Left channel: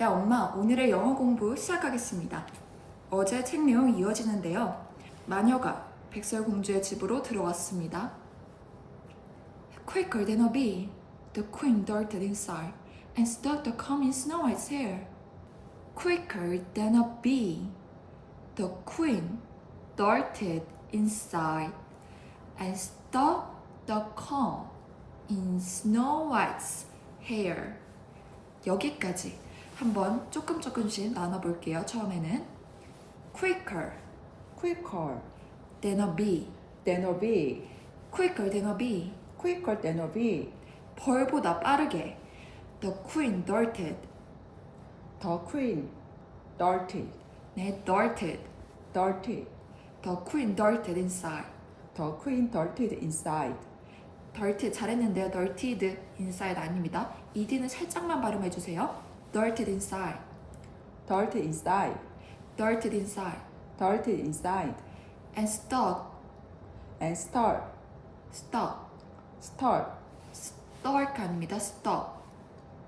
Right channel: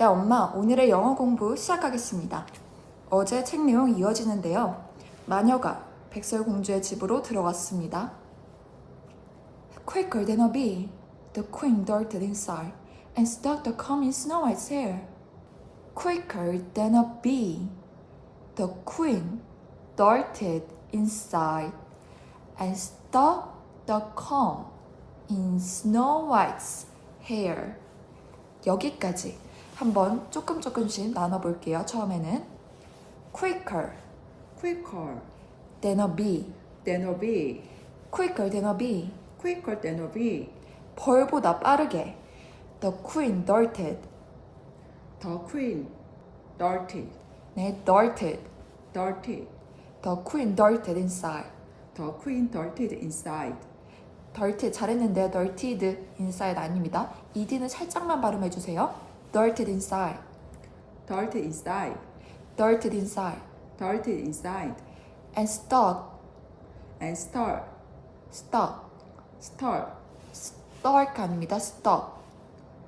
네, 엄마, 오늘의 영어 공부 시작하겠습니다. 어제 책 내용 이어지는데요. 마녀가 백설공주의 집으로 들어갔습니다. Quicker than a bee, the queen darted inside and stuck the comb in Snow White's hair. Quicker than a bee, the queen darted inside and stuck the comb in Snow White's hair. 여기까지 한번 조금 조금씩 나눠볼게요. 처음에는 quicker quicker than a bee, than a bee, quicker than a bee. quicker than a bee. 벌보다 빠르게. The queen darted. The queen darted, 네, darted. darted. The queen darted inside. The queen darted inside. darted 잘했는데요. darted inside 아닙니다. ed는 살짝만 발음해 주세요. darted inside. Darted inside. darted inside. Darted inside. and stuck. And start, stuck. start, stuck 아닙니다. stuck.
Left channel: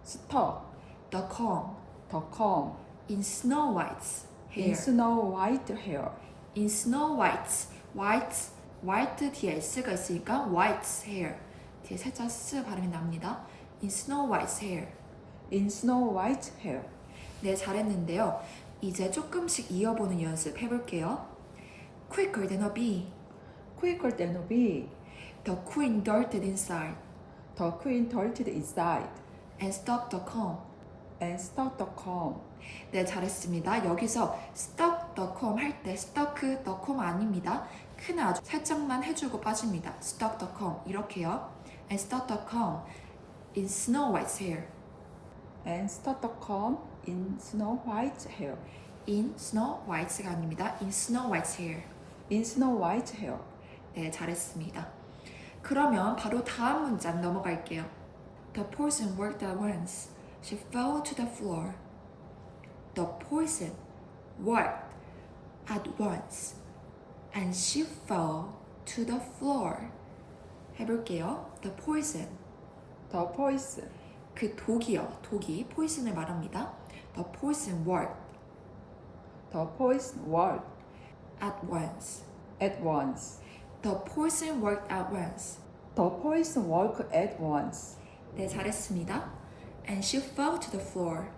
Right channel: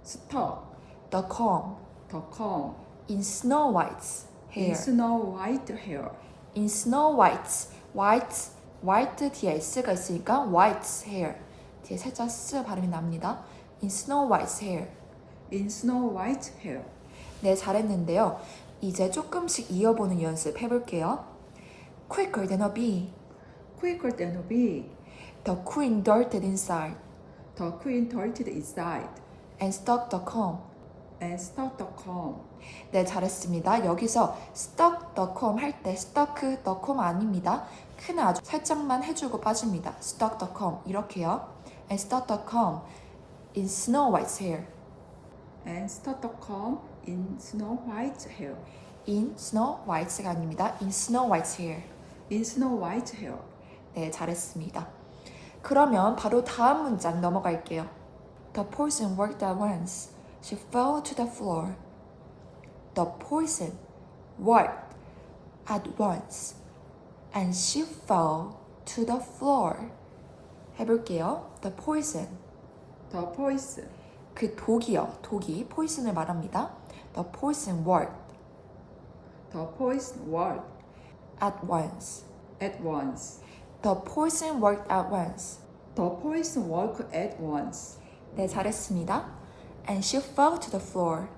stuck. the comb The comb in Snow White's hair. in Snow White hair. in Snow White's white white 뒤에 s가 있으니까 white's hair 뒤에 살짝 s 발음이 납니다. in Snow White's hair. In Snow White hair. 네, 잘했는데요. 이제 조금씩 이어보는 연습 해볼게요. Quicker than a bee, Quicker than a bee. the queen darted inside The queen darted inside and stuck the comb. and stuck the comb. 네, 잘했습니다. 여기서 stuck the comb 할 때 stuck the comb 아닙니다. 큰 아주 살짝만 해주고 빠집니다. stuck the comb 이렇게요. and stuck the comb in Snow White's hair. And comb in Snow White hair. in Snow White가 아닙니다. in Snow White's hair. In Snow White hair. 네, 잘했습니다. 그러면 바로 다음 문장 넘어갈게요. The poison worked at once. She fell to the floor. The poison worked at once. And she fell to the floor. 해볼게요. The poison. The poison. 그 독이요. 독이 포이슨을 말합니다. The poison worked The poison worked at once. at once. The poison worked at once. The poison worked at once. 네, 잘했습니다. And she fell to the floor.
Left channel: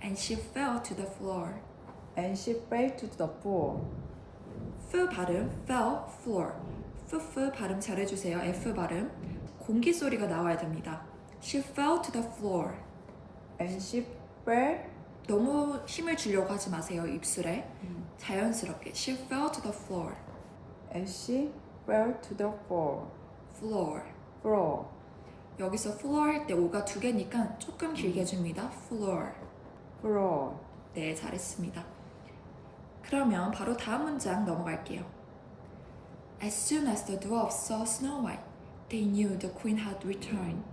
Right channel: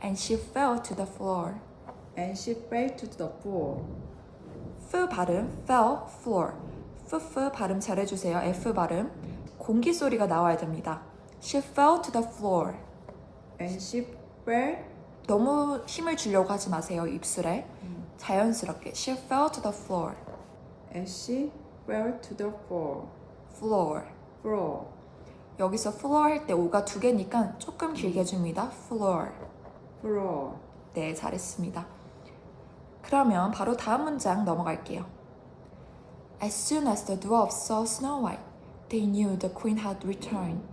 And she fell to the floor. And she fell to the floor. F 발음, fell, floor. F, 발음 잘해주세요. F 발음. 공기 소리가 나와야 됩니다. She fell to the floor. And she fell 너무 힘을 주려고 하지 마세요, 입술에. 자연스럽게. She fell to the floor. and she fell to the floor. floor. Floor. 여기서 floor 할 때 오가 두 개니까 조금 길게 줍니다. floor. Floor. 네, 잘했습니다. 그러면 바로 다음 문장 넘어갈게요. As soon as the dwarfs saw Snow White, they knew the queen had returned.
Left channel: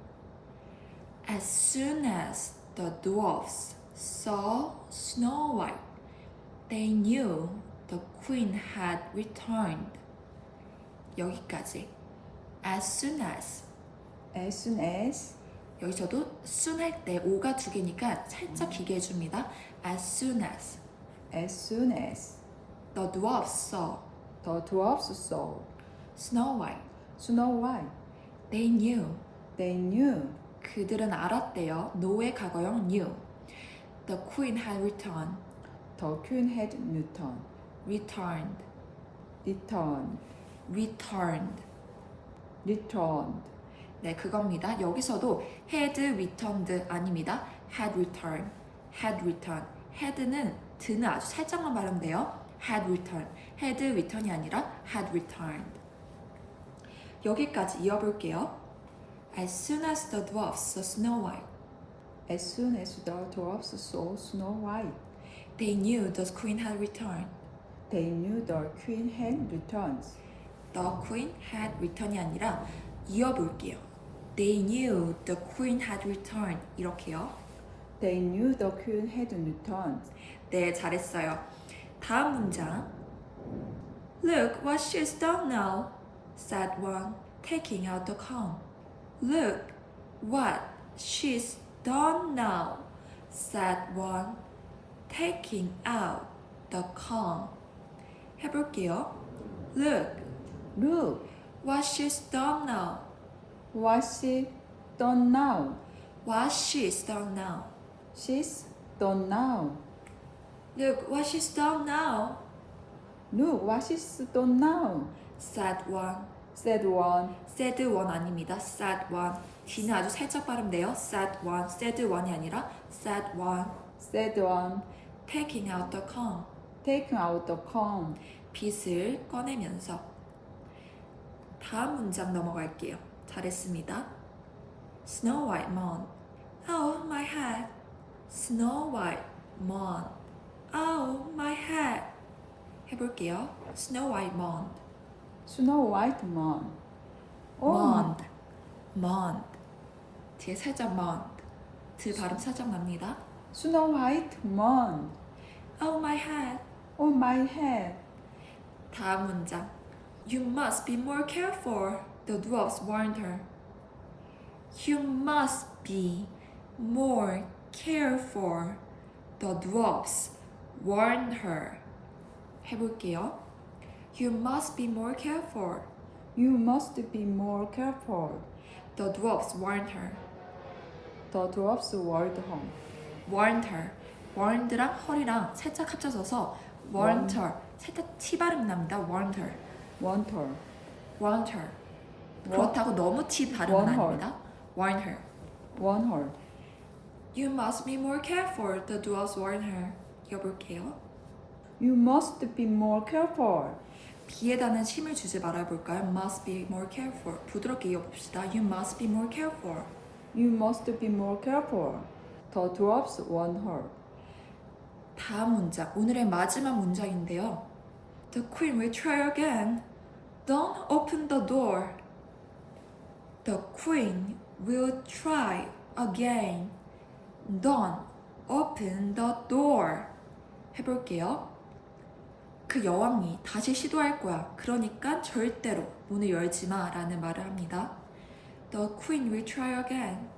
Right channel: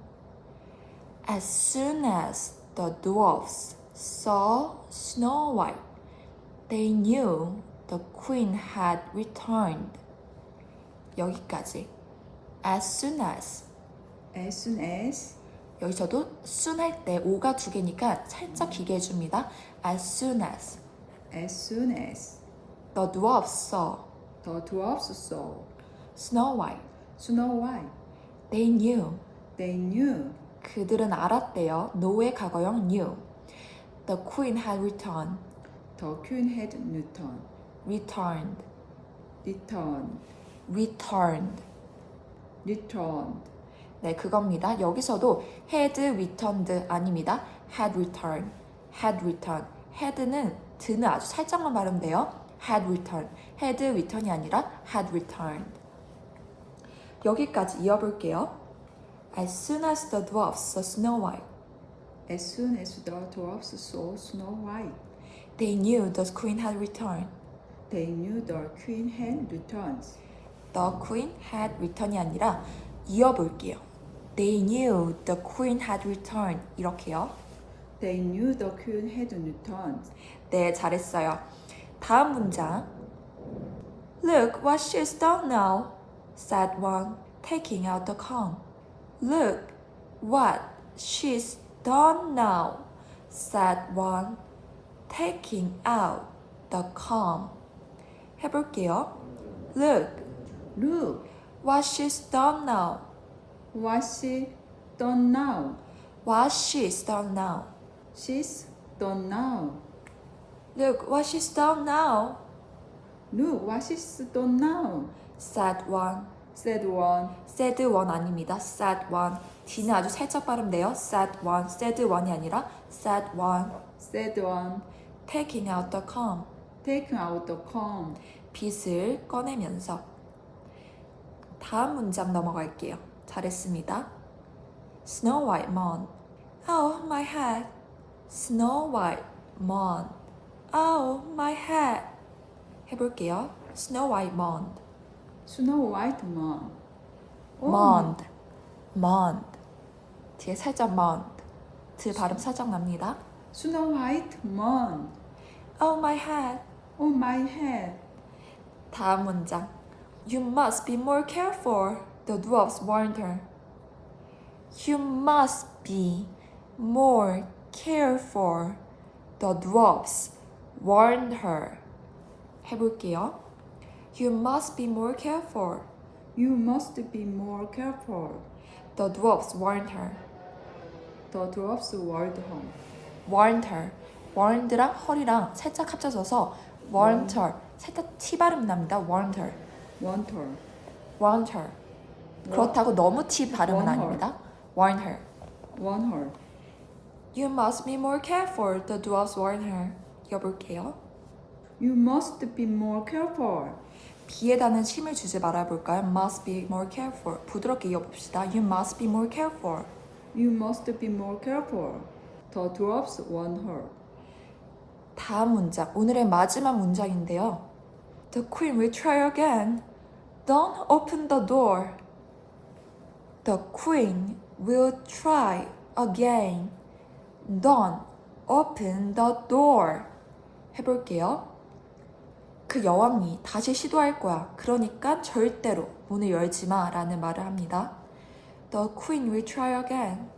As soon as the dwarfs saw Snow White, they knew the queen had returned. 여기까지. As soon as As soon as 여기서도 soon 할 때 오가 두 개니까 살짝 길게 해줍니다. As soon as as soon as the dwarfs saw the dwarfs saw Snow White, Snow White, they knew they knew 그들은 알았대요. know의 과거형 knew. The queen had returned, the queen had returned. returned, Returned. returned. Returned. 네, 그겁니다. 여기서도 had returned 아닙니다. had returned, had returned. had는 드는 아주 살짝만 발음 돼요. had returned, had return이 아니라 had returned. 여기까지 이어볼게요. As soon as the dwarfs saw Snow White, As soon as the dwarfs saw Snow White, they knew the queen had returned. they knew the queen had returned. The queen had return이 아니라 이어볼게요. They knew the queen had returned. 이렇게요. They knew the queen had returned. 네, 잘했어요. 다음 문장. Look what she's done now, said one, taking out the comb. Look what she's done now, said one, taking out the comb. 해볼게요. Look, Look, what she's done now. what she done now. What she's done now. She's done now. Look, what she's done now, Look, what she's done now. said one. Said one. said one 아닙니다. said one. D는 아주 살짝 발음돼요. said one, said one이 아니라 said one. Said one. taking out the comb. Taking out the comb. 빗을 꺼내면서 다음 문장 넘어갈게요. 잘했습니다. Snow White Moon. Oh my head. Snow White Moon. Oh my head. 해볼게요. Snow White Snow White Moon. Moon. Moon. 뒤에 살짝 Moon. 드 발음 살짝 납니다. Snow White Moon. Oh my head. On my head. 다음 문장. You must be more careful. The dwarfs warned her. You must be more careful. The dwarfs warned her. 해볼게요. You must be more careful. You must be more careful. The dwarfs warned her. The dwarfs warned her. warned her. warned랑 her이랑 살짝 합쳐져서 warned her. 살짝 T 발음 납니다. warned her. Warned her. warned her. 그렇다고 너무 T 발음은 warn her. 아닙니다. warned her. Warned her. You must be more careful. The dwarfs warned her. 이어볼게요. You must be more careful. B에다는 힘을 주지 말아볼까요? Must be more careful. 부드럽게 이어봅시다. You must be more careful. You must be more careful. The dwarfs warned her. 다음 문장. 오늘의 마지막 문장인데요. The queen will try again. Don't open the door. The queen will try again. Don't open the door. 해볼게요. 그 여왕이 다시 시도할 거야. 그러니까 절대로 문을 열지 마. 라는 말을 합니다. The queen will try again.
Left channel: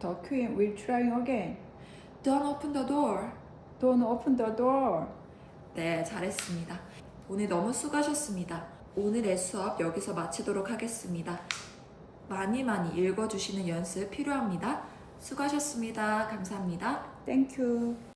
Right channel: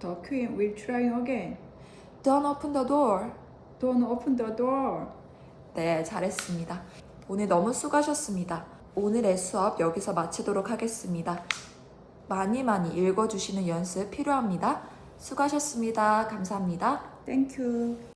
The queen will try again. Don't open the door. Don't open the door. 네, 잘했습니다. 오늘 너무 수고하셨습니다. 오늘의 수업 여기서 마치도록 하겠습니다. 많이 많이 읽어주시는 연습 필요합니다. 수고하셨습니다. 감사합니다. Thank you.